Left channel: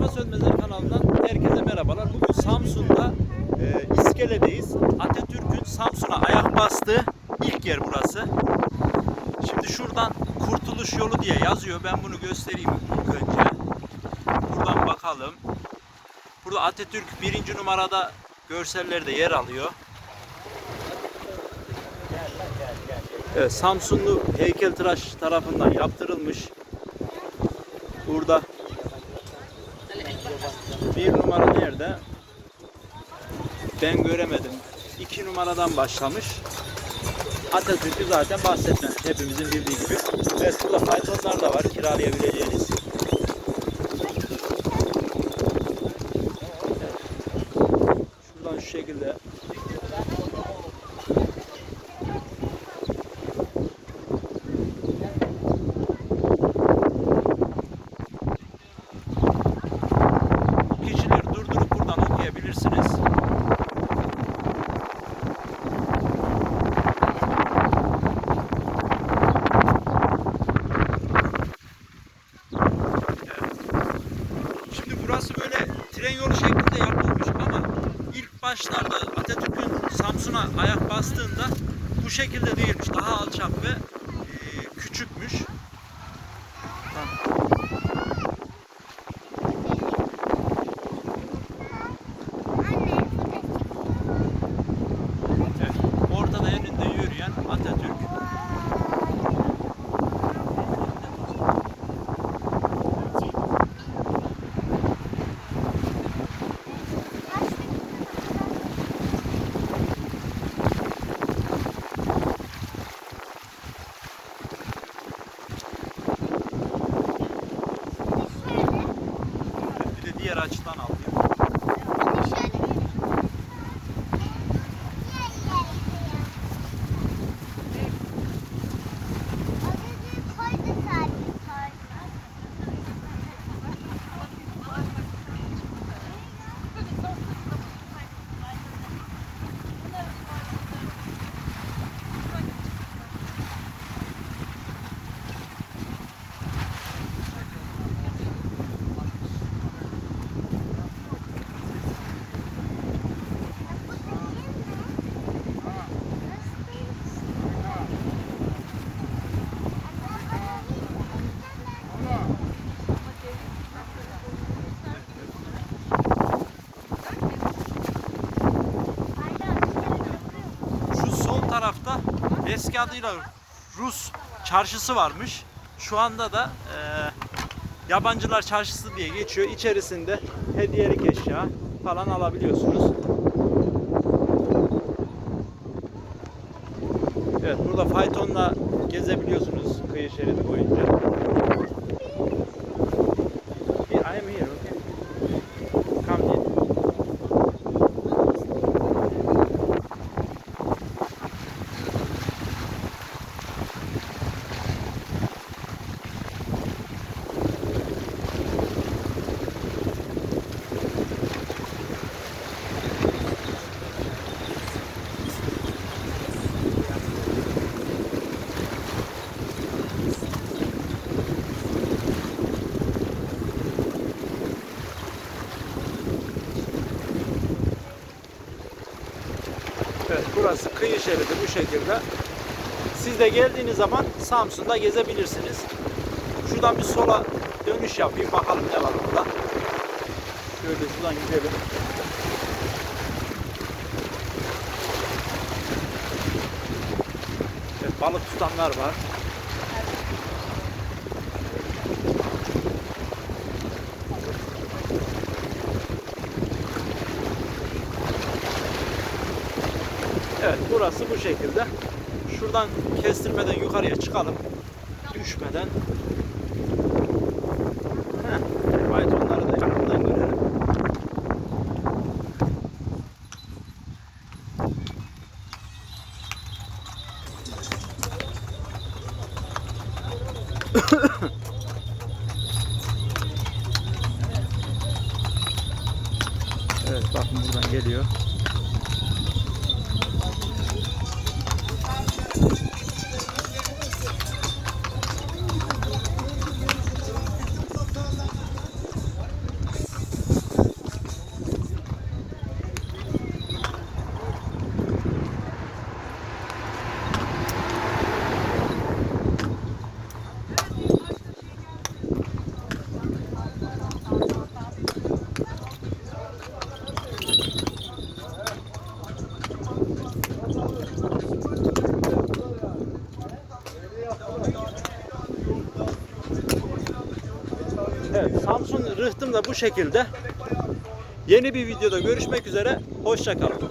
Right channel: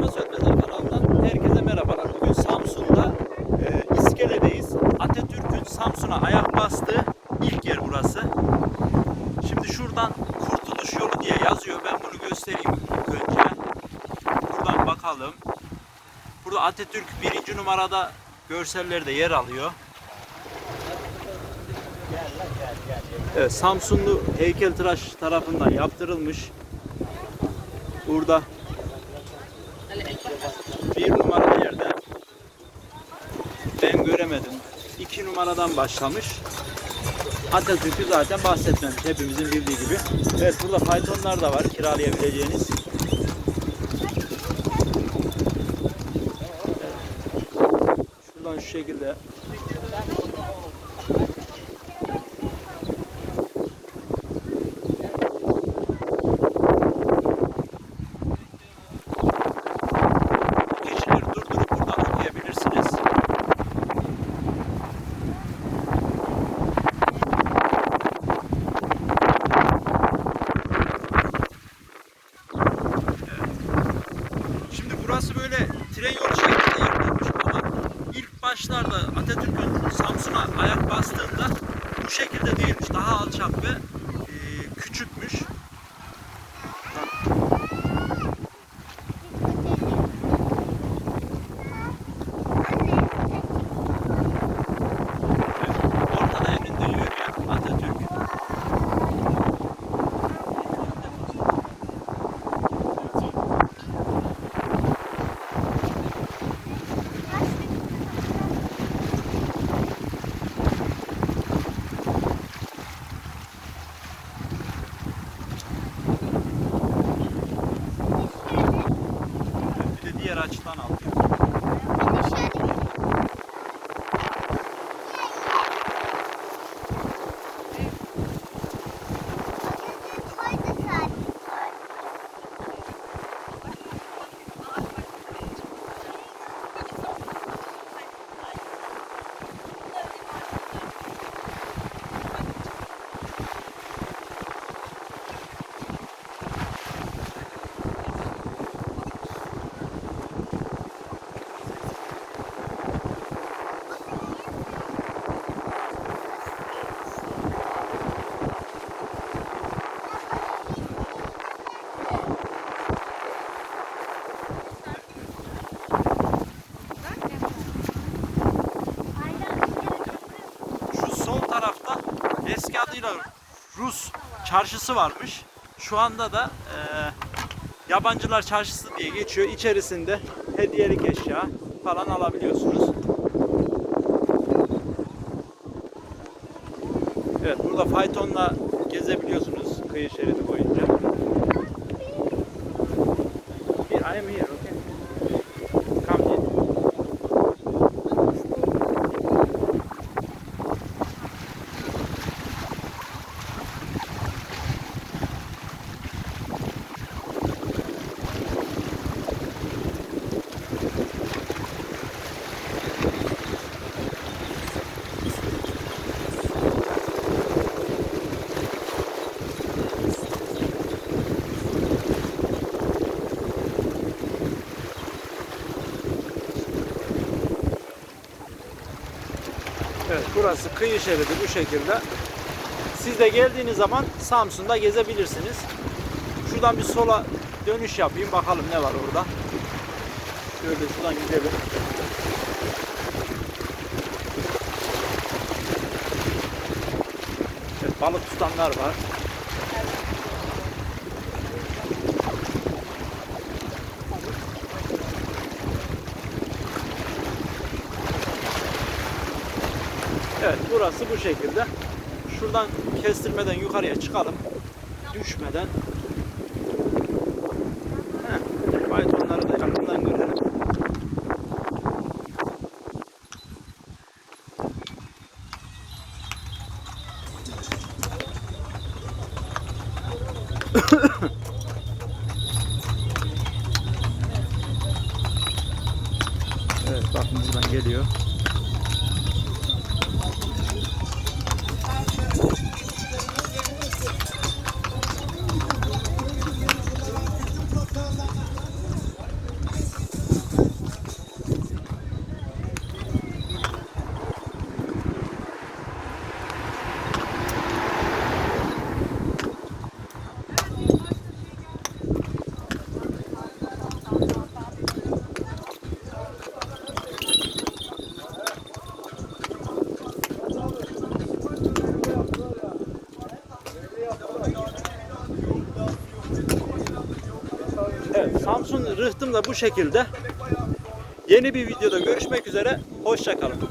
Mustafa Sönmezer kanalından herkese merhabalar. Bugün Samsun'da e, İskele'deyiz. Atatürk'ün Samsun'a ayak bastığı ilk yer burası. Şimdi şuradan Kurtuluş Yolu diye yazıyor. Ben bunu göstereyim önce. Buradan bakalım. Burada Atatürk birinci numarada görsellerde yer alıyor. Evet, Samsunlu heykeltıraş tarafından yaptırılmış. Burada bir numaralı yerde ben göremedim. İki numaradan başlamış. Atatürk'ü zaten bahsetmemiş hepimizin bildiği gibi. Evet burada faytonlar da var kiralayabileceğiniz. Evet. Şuradan şu şekilde kişileri durdurup buradan okuyabilirsiniz. Şimdi burası böyle tren yolu şeklinde yapılmış ama ilk başlarda Atatürk'ün Samsun'a ayak bastığında bu şekilde değilmiş. Daha alçak ve e, küçükmüş. Bak. Ortada elinde yürüyen Atatürk. Bir de diğer açıdan alıyor. Eski adıyla Rus çarşısı varmış. Şu anda da e, yabancılar çarşısı diye geçiyor. İçerisinde hediyelik eşya falan alabiliyorsunuz. Evet burada faytonla gezebiliyorsunuz kıyı şeridi boyunca. Here, I am here, okay? Come here. Evet burası kıyı şeridi bu şekilde. Siz de geldiğiniz zaman Samsun'da gezebilirsiniz. Şuradan bir sola dönüş yapayım bakalım ne var orada. Şöyle şuradan gidelim. Evet, balık tutanlar var. Evet burası bu şekilde. Şuradan kestirmeden yukarıya çıkalım. Düşmeden. Heh, faytonları da yakından görelim. evet bakın buradan geliyor. Evet, Samsun rıhtım da bu şekilde. Yeni bir videoda görüşmek üzere. Hoşçakalın.